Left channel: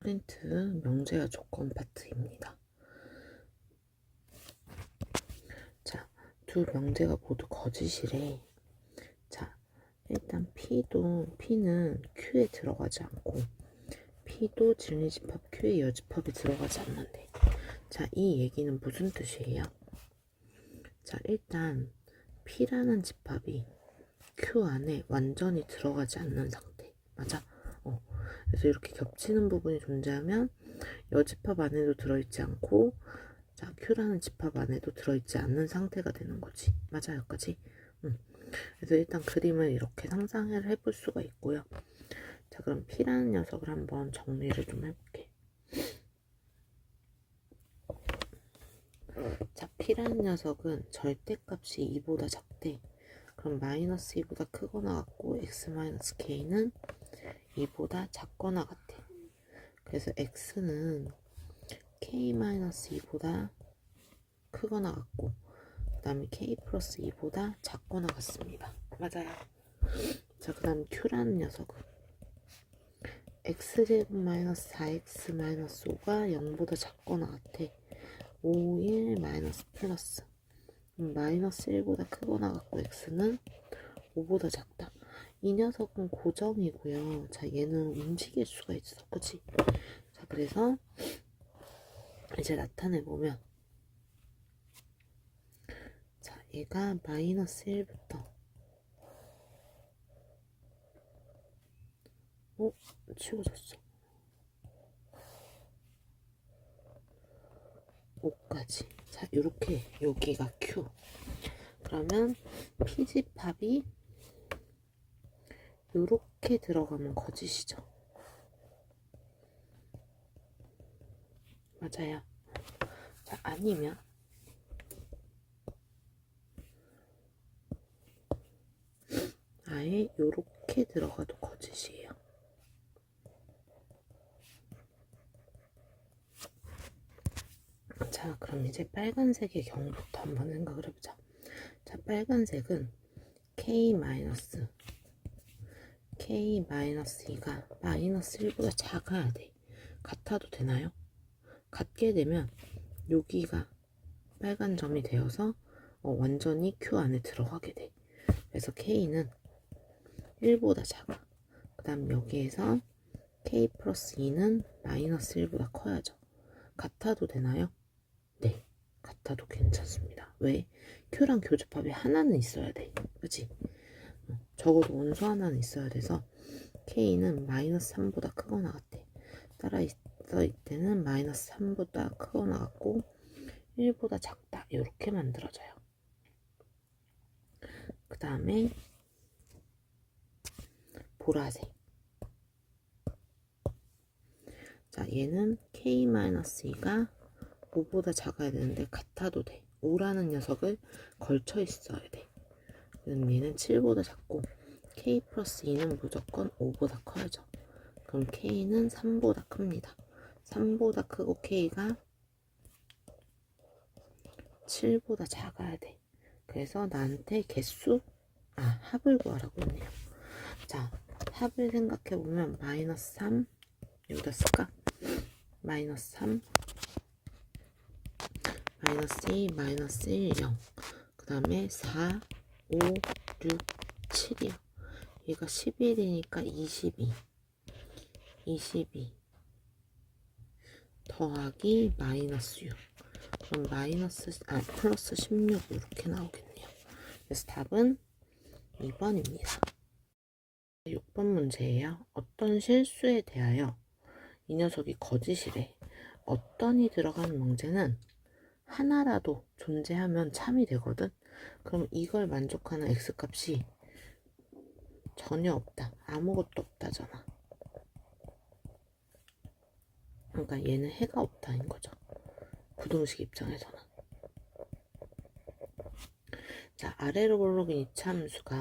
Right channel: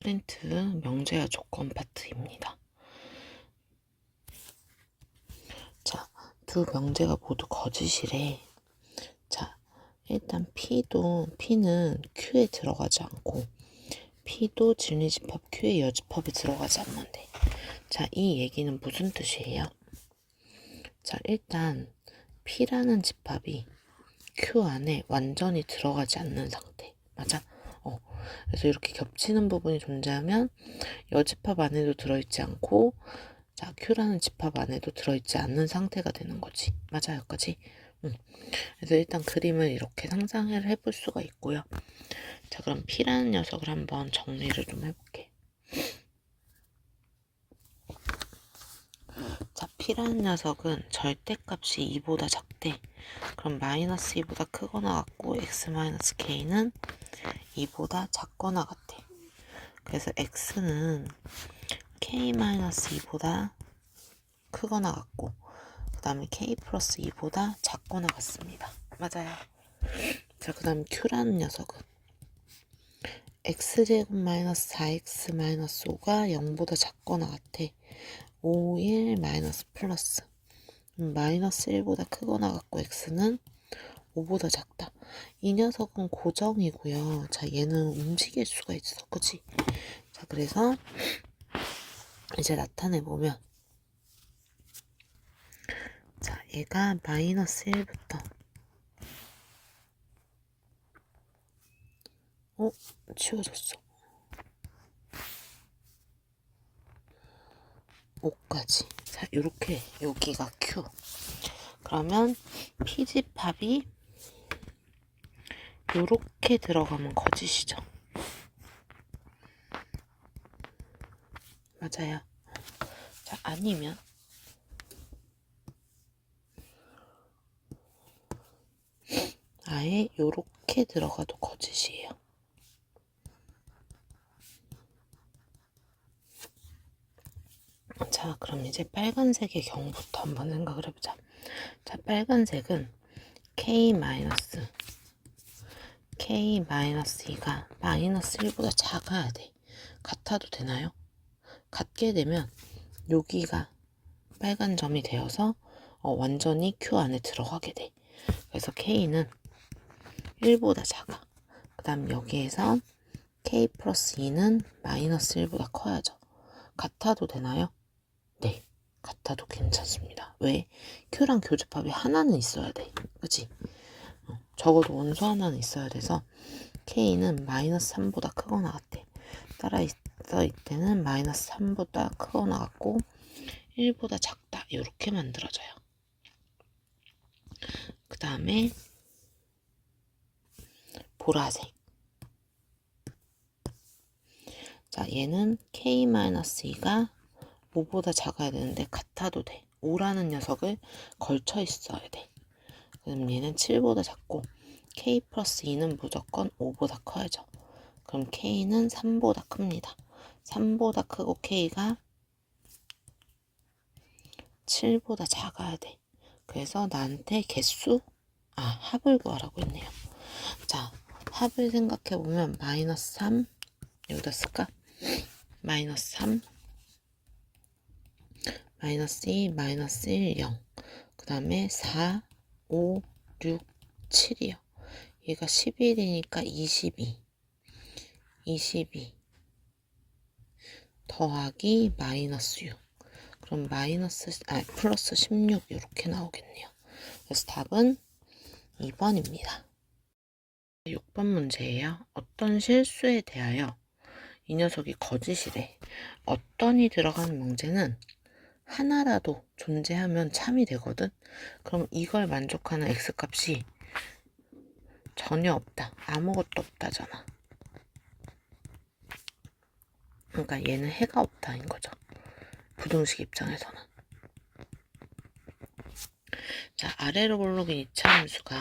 프린트 명제와 조건 파트입니다. 자, 두 명제가 모두 거짓이래. 자, 일단 P는 Q에 들어가지 않고 P도 진리집합 Q의 여집합에 들어가지 않는데, 자, 이 얘기는 무슨 뜻이에요? 자, 일단 P라는 집합이 Q 안에 완전히 들어가지 않는 상태. 맞아? 그래서 이렇게 겹치는 부분이 존재하면 여집합 안에도 들어있지 않고, 자, Q라는 집합 안에도 들어있지 않는 상태가 되는 거지. 맞아, 여기까지? 그래서 일단 그림을 이렇게 상상을 해볼 수가 있고요. 자, 그럼 P라는 녀석을 한번 정리를 좀 해볼게. 자, P라는 녀석은 절대값이 2보다 작대. 그럼 마이너스 2보다 크거나 같고 x-k는 2보다 작거나 같아. 그래서 x는 k-2보다 크거나 같고, 그 다음에 k 플러스 2보다 작거나 같습니다. 맞아요. 자, 그 다음 q라는 녀석은 x제곱 마이너스 4x 마이너스 5가 0보다 작거나 같아. 5, 1 마이너스 플러스 마이너스 1보다 크거나 같고 x는 5보다 작다. 이 녀석은 고정이고요. 자, 얘는 움직일 수가 있어. 그치? 자, 그래서 이제 나타내보면, 자, 얘가 마이너스 1부터 치워졌어. 5까지. 자, 요렇게 여기가 Q. 그러면 P집합이 요렇게 들어가면 거짓이죠. 맞아요. 자, 아니면 아예 요렇게 들어가도 거짓이에요. 자, 그럼 이제 빨간색의 경우부터 한번 생각을 해보자. 자, 빨간색은 K-2가 마이너스 1보다 작아야 돼. 같아도 되나요? 같게 되면 여기가 빨간 점이 되어서 완전히 Q 안에 들어가게 돼. 그래서 K는 1보다 작아. 그 다음 여기에서 K 플러스 2는 마이너스 1보다 커야죠. 같아도 되나요? 네, 같아도 괜찮습니다. 왜? Q랑 교집합이 하나는 있어야 돼. 그치? 적어도 원소 하나는 있어야 돼서 K는 마이너스 3보다 크거나 같아. 따라 있어 이때는 마이너스 3보다 크거나 같고 1보다 작다. 이렇게 만들어져요. 그 다음에 보라색. 자, 얘는 K-2가 5보다 작아야 되는데 같아도 돼. 5라는 녀석을 걸쳐 있어야 돼. 그럼 얘는 7보다 작고 K 플러스 2는 무조건 5보다 커야죠. 그럼 K는 3보다 큽니다. 3보다 크고 K가 7보다 작아야 돼. 그래서 나한테 합을 구하라고 했네요. 자, 합을 생각해보면 마이너스 3 여기다 쓸까? 마이너스 3 마이너스 2 마이너스 1 0 그 다음에 4 5 6 7이요. 얘가 11이니까 22 더하기 마이너스 6. 그럼 플러스 16 이렇게 나오겠네요. 그래서 답은 2번입니다. 6번 문제예요. 어떤 실수에 대하여 이 녀석이 거짓이래. 어떤이 들어가는 문제는 하나라도 존재하면 참이 되거든. 그럼 이걸 만족하는 x값이 전혀 없다. 아무것도 없다잖아. 그러니까 얘는 해가 없다인 거죠. 부등식 입장에서는. 자, 아래로 오르긴 이차함수가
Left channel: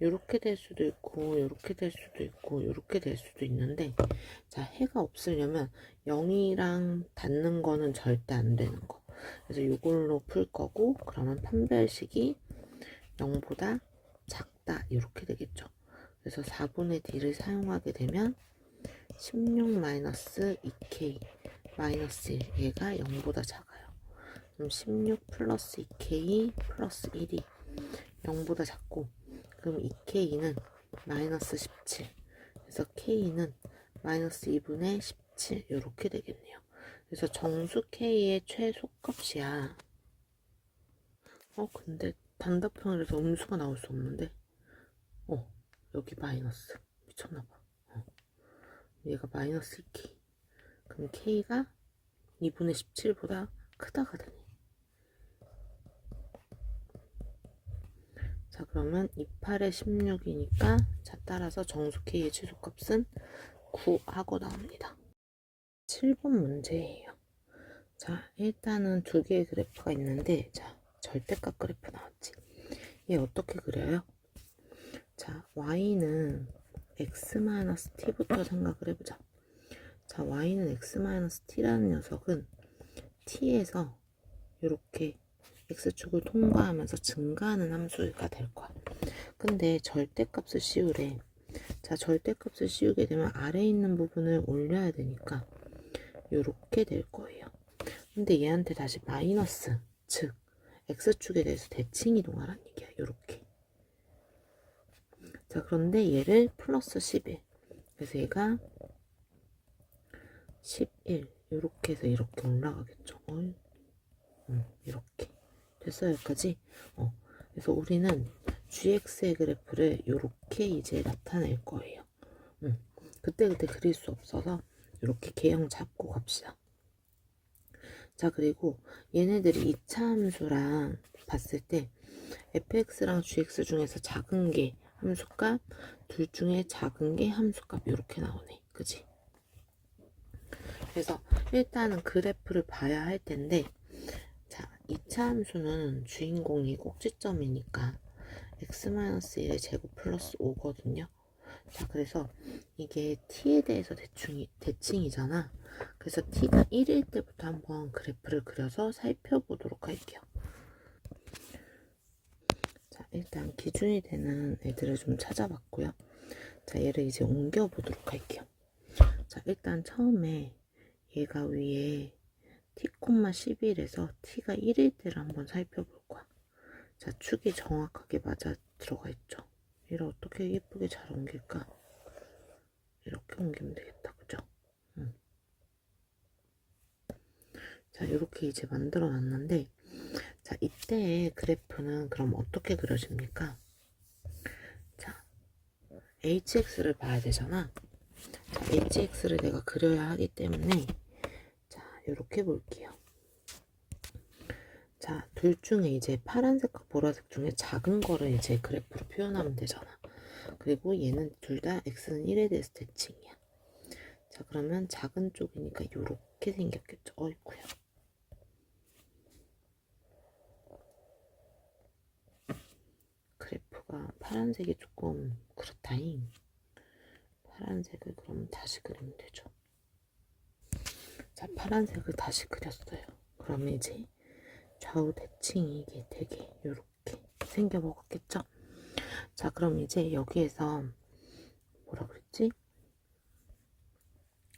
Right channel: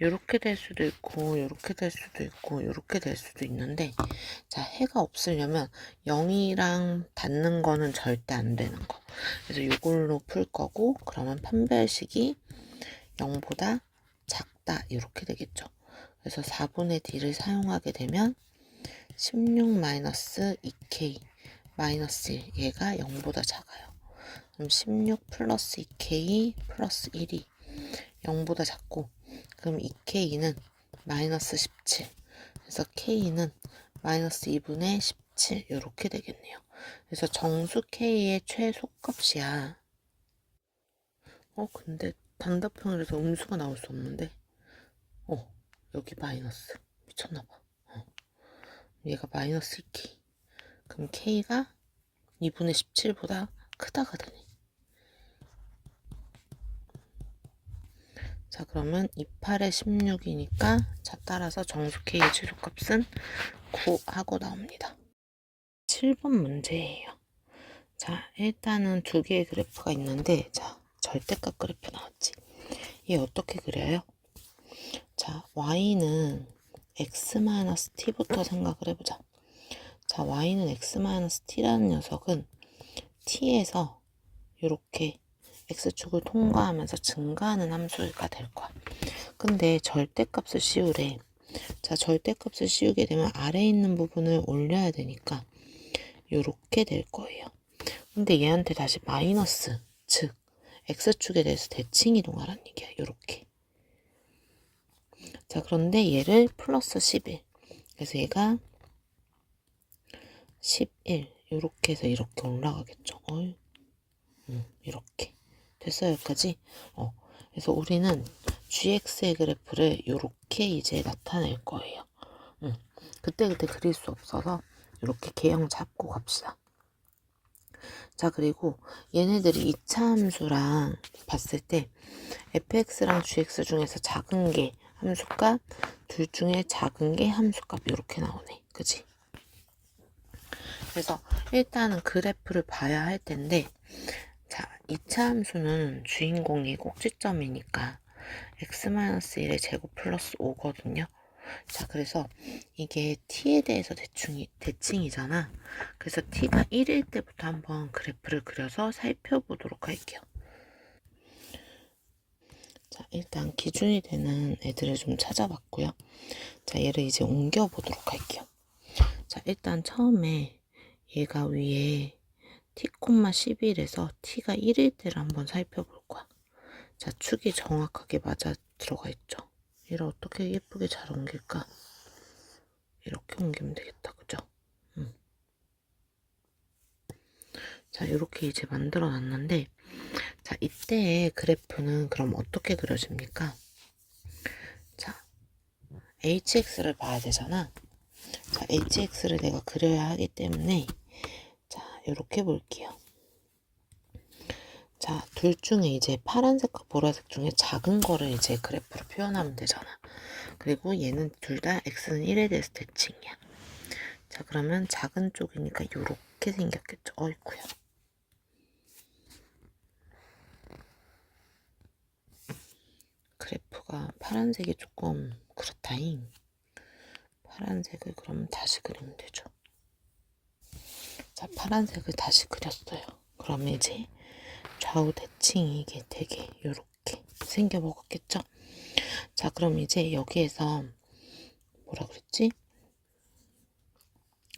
요렇게 될 수도 있고 요렇게 될 수도 있고 요렇게 될 수도 있는데, 자, 해가 없으려면 0이랑 닿는 거는 절대 안 되는 거. 그래서 이걸로 풀 거고, 그러면 판별식이 0보다 작다 이렇게 되겠죠. 그래서 4분의 D를 사용하게 되면 16 마이너스 2k 마이너스 1 얘가 0보다 작아요. 그럼 16 플러스 2k 플러스 1이 0보다 작고, 그럼 2k는 마이너스 17, 그래서 k는 마이너스 2분의 17 이렇게 되겠네요. 그래서 정수 k의 최소값이야. 근데 단답형을 해서 음수가 나올 수 없는데, 여기 마이너스 미쳤나봐. 얘가 마이너스 2k, 그럼 k가 2분의 17보다 크다가 되네. 자, 그러면 28에 16이니까 자, 따라서 정수 k의 최소값은 9 하고 나옵니다. 7번 문제예요. 자, 일단은 두 개의 그래프가 있는데, 자, 절대값 그래프 나왔지. 얘 어떻게 그려요? 자, y는 x-t부터 생각을 해보자. 자, y는 x-t라는 녀석은 t에서 이렇게 x축을 통과하면서 증가하는 함수가 될 거야. 근데 절대값을 씌우래. 자, 절대값을 씌우게 되면 아래에 있는 부분을 올려야 되니까 이렇게 될 거예요. 근데 얘한테 다시 마이너스, 즉 x축에 대해서 대칭 이동하라는 얘기야. 이렇게. 자, 그런데 얘를 플러스 11, 그래서 얘가 11 이렇게 해서 이렇게 올라가겠죠. 이렇게 됐어요. 여기까지. 그래서 우리는 gx의 그래프를 이렇게 이제 나타낼 거예요. 그때그때 그릴 수 없어서 이렇게 개형 잡고 갑시다. 자, 그리고 얘네들이 2차 함수랑 봤을 때 fx랑 gx 중에서 작은 게 함수값, 둘 중에 작은 게 함수값 이렇게 나오네. 그지? 그래서 일단은 그래프를 봐야 할 텐데, 자, 2차 함수는 주인공이 꼭지점이니까 x-1의 제곱 플러스 5거든요. 자, 그래서 이게 t에 대해서 대칭이잖아. 그래서 t가 1일 때부터 한번 그래프를 그려서 살펴보도록 할게요. 자, 일단 기준이 되는 애들을 좀 찾아봤고요. 자, 얘를 이제 옮겨보도록 할게요. 자, 일단 처음에 얘가 위에 t,11에서 t가 1일 때를 한번 살펴볼 거야. 자, 축이 정확하게 맞아 들어가 있죠. 얘를 어떻게 예쁘게 잘 옮길까? 이렇게 옮기면 되겠다. 그죠? 자, 이렇게 이제 만들어 놨는데, 자, 이때의 그래프는 그럼 어떻게 그려집니까? 자, hx를 봐야 되잖아. 자, hx를 내가 그려야 하기 때문에, 자, 이렇게 볼게요. 자, 둘 중에 이제 파란색과 보라색 중에 작은 거를 이제 그래프로 표현하면 되잖아. 그리고 얘는 둘 다 x는 1에 대해서 대칭이야. 자, 그러면 작은 쪽이니까 이렇게 생겼겠죠. 어이구야. 그래프가 파란색이 조금 그렇다잉. 파란색을 그러면 다시 그리면 되죠. 자, 파란색을 다시 그렸어요. 그러면 이제 좌우 대칭이 이게 되게 이렇게 생겨 먹었겠죠. 자, 그럼 이제 여기에서 뭐라 그랬지?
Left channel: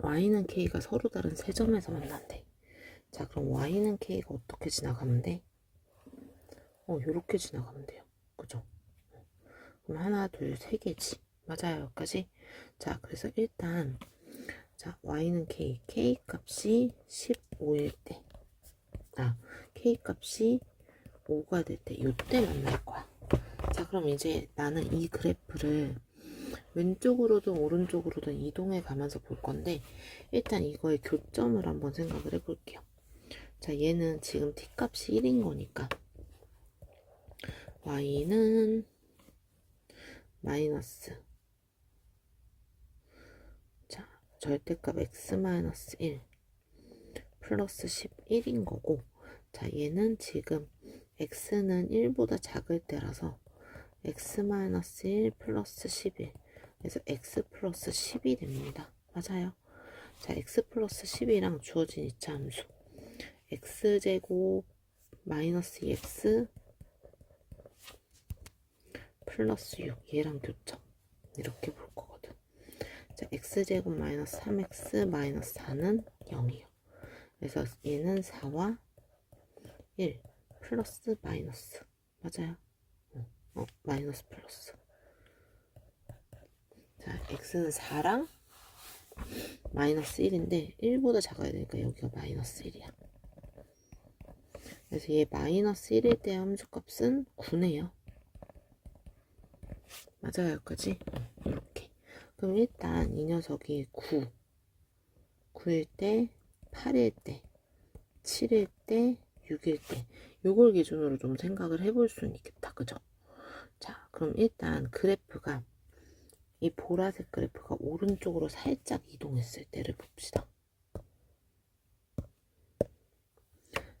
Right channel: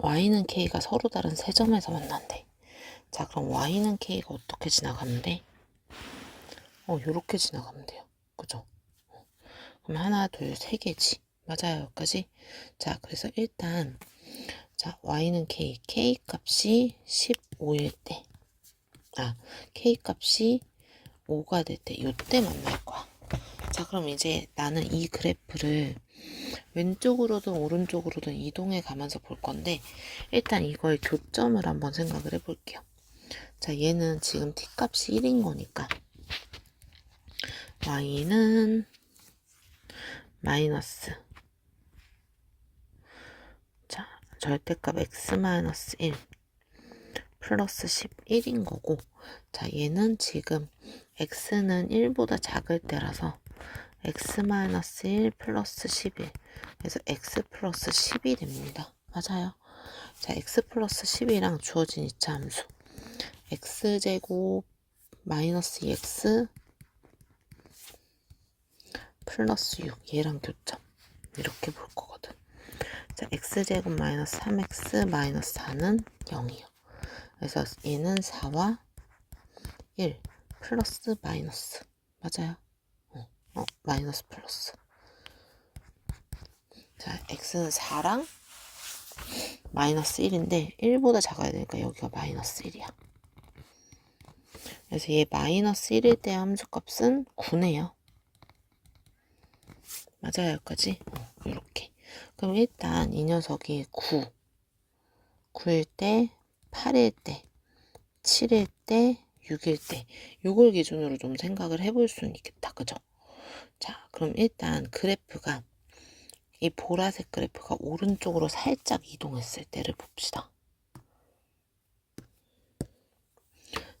y는 k가 서로 다른 세 점에서 만난대. 자, 그럼 y는 k가 어떻게 지나가면 돼? 요렇게 지나가면 돼요. 그죠? 그럼 하나, 둘, 세 개지. 맞아요. 여기까지. 자, 그래서 일단 자, y는 k 값이 15일 때, k 값이 5가 될 때, 요때 만날 거야. 자, 그럼 이제 나는 이 그래프를 왼쪽으로든 오른쪽으로든 이동해 가면서 볼 건데, 일단 이거의 교점을 한번 생각을 해볼게요. 자, 얘는 지금 t 값이 1인 거니까 y는 마이너스, 자, 절대값 x-1 플러스 11인 거고, 자, 얘는 지금 x는 1보다 작을 때라서 x-1 플러스 11, 그래서 x 플러스 10이 됩니다. 맞아요. 자, x 플러스 10이랑 주어진 이차 함수 x제곱 마이너스 2x 플러스 6 얘랑 교점 이렇게 볼 거거든. 자, 자, x제곱 마이너스 3x 마이너스 4는 0이요. 그래서 얘는 4와 1 플러스 마이너스 맞아요. 마이너스 플러스. 자, x는 4랑 마이너스 1인데 1보다 작아야 되니까 여기가 마이너스 1이야. 그래서 얘 마이너스 1일 때 함수값은 9네요. 맞아요, 여기까지? 이렇게. 그럼 일단 이 녀석이 9일 때, 8일 때, 7일 때, 6일 때 요걸 기준으로 좀 생각을 해볼 수는 있겠다. 그죠? 자, 그럼 일단 그래프가 이 보라색 그래프가 오른쪽으로 살짝 이동했을 때를 봅시다.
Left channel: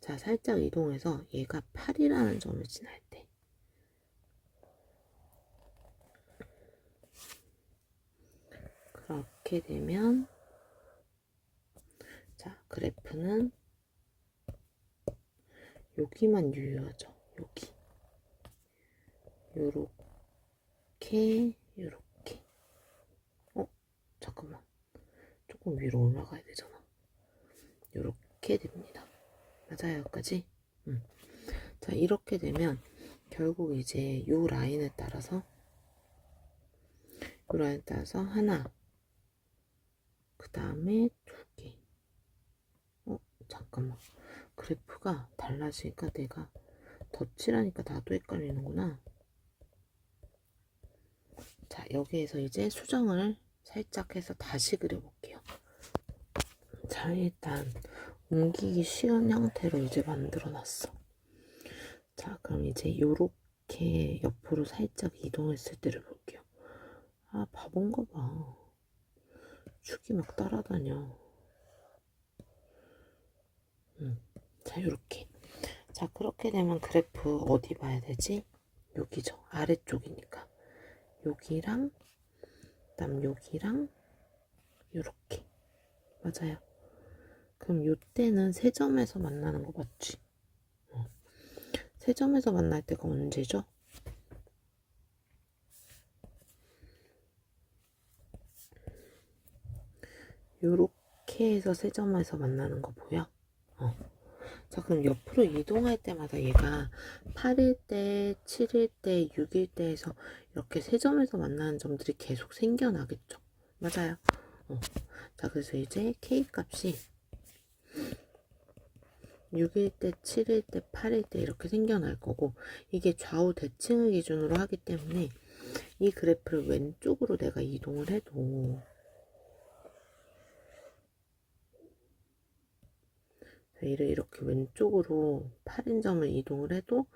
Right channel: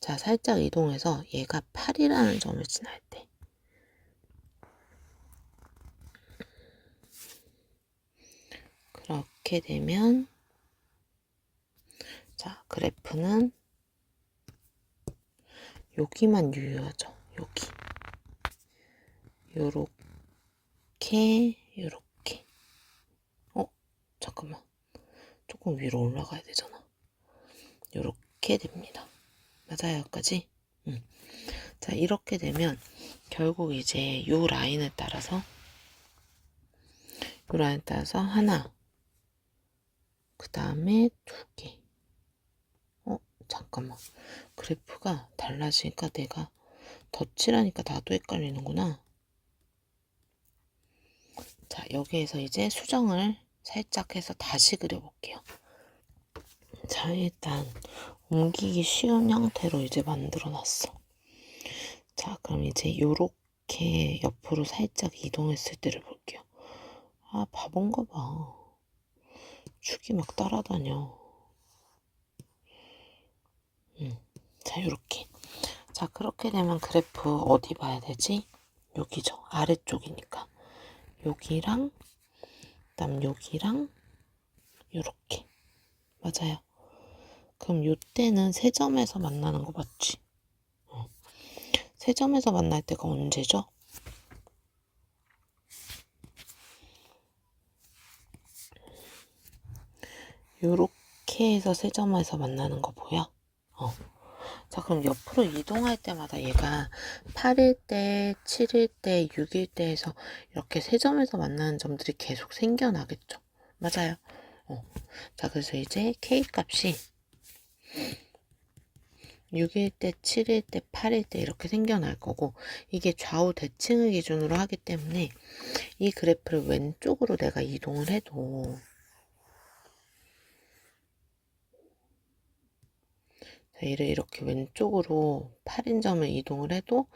자, 살짝 이동해서 얘가 8이라는 점을 지날 때 그렇게 되면 자, 그래프는 여기만 유효하죠. 여기 요렇게 잠깐만 조금 위로 올라가야 되잖아. 요렇게 됩니다. 맞아요, 여기까지? 자, 이렇게 되면 결국 이제 요 라인에 따라서 하나, 그 다음에 2개. 잠깐만. 그래프가 달라지니까 내가 덧칠하니까 나도 헷갈리는구나. 자, 여기에서 이제 수정을 살짝 해서 다시 그려볼게요. 자, 일단 옮기기 쉬운 형태로 이제 만들어 놨어. 자, 그럼 이제 요렇게 옆으로 살짝 이동했을 때를 볼게요. 아, 바본가 봐. 축이 막 따라다녀. 자, 요렇게. 자, 그렇게 되면 그래프 어디 봐야 되지? 여기죠. 아래쪽이니까. 여기랑, 그다음 여기랑, 요렇게. 맞아요. 그럼 요때는 세 점에서 만나는 거 맞지? 세 점에서 만날 때가 언제죠? 요렇게 해서 세 점에서 만나는 거 보여? 자, 그럼 옆으로 이동할 때마다 얘가 8일 때, 7일 때, 6일 때 해서 이렇게 세 점에서 만나는 점들이 계속 생겨나겠죠. 맞아요. 자, 그래서 이제 K 값이 6일 때, 7일 때, 8일 때 이렇게 생겨날 거고 이게 좌우 대칭을 기준으로 하기 때문에 이 그래프를 왼쪽으로 내가 이동을 해도 자, 얘를 이렇게 왼쪽으로 8인점을 이동을 해도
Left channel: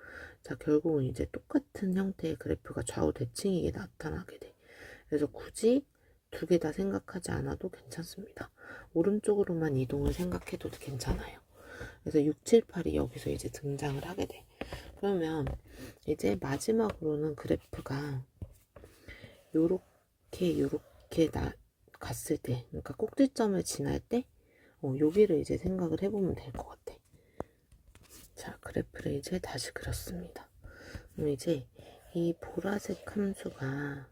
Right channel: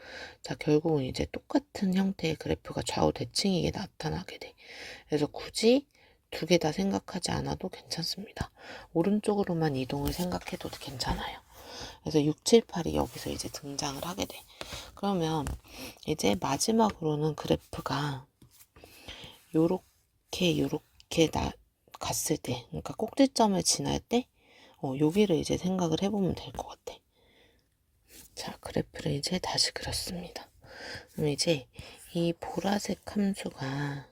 자, 결국은 이제 똑같은 형태의 그래프가 좌우 대칭이게 나타나게 돼. 그래서 굳이 두 개 다 생각하지 않아도 괜찮습니다. 오른쪽으로만 이동을 생각해도 괜찮아요. 그래서 6, 7, 8이 여기서 이제 등장을 하게 돼. 그러면 이제 마지막으로는 그래프가 요렇게 갔을 때, 그러니까 꼭지점을 지날 때 여기를 이제 생각을 해보면 될 것 같아. 자, 그래프를 이제 다시 그렸습니다. 그럼 이제 이 보라색 함수가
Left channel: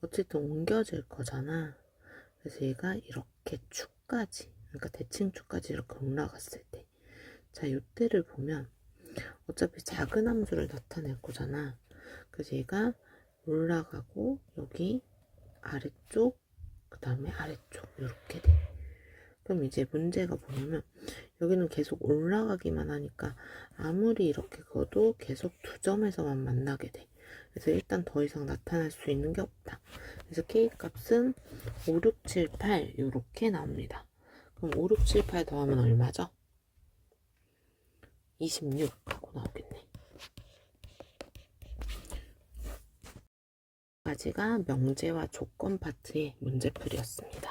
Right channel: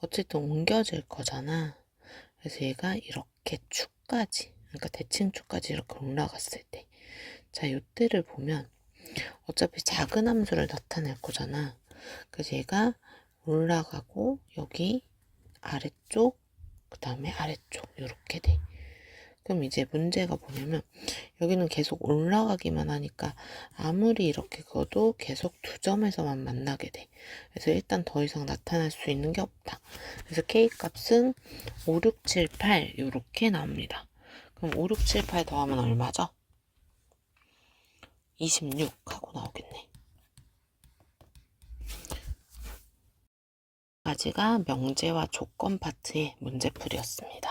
어쨌든 옮겨질 거잖아. 그래서 얘가 이렇게 축까지, 그러니까 대칭축까지 이렇게 올라갔을 때, 자, 이때를 보면 어차피 작은 함수를 나타낼 거잖아. 그래서 얘가 올라가고 여기 아래쪽, 그 다음에 아래쪽 이렇게 돼. 그럼 이제 문제가 뭐냐면 여기는 계속 올라가기만 하니까 아무리 이렇게 그어도 계속 두 점에서만 만나게 돼. 그래서 일단 더 이상 나타날 수 있는 게 없다. 그래서 K 값은 5, 6, 7, 8 이렇게 나옵니다. 그럼 5, 6, 7, 8 더하면 얼마죠? 26 하고 나오겠네. 까지가 명제와 조건 파트의 문제풀이였습니다.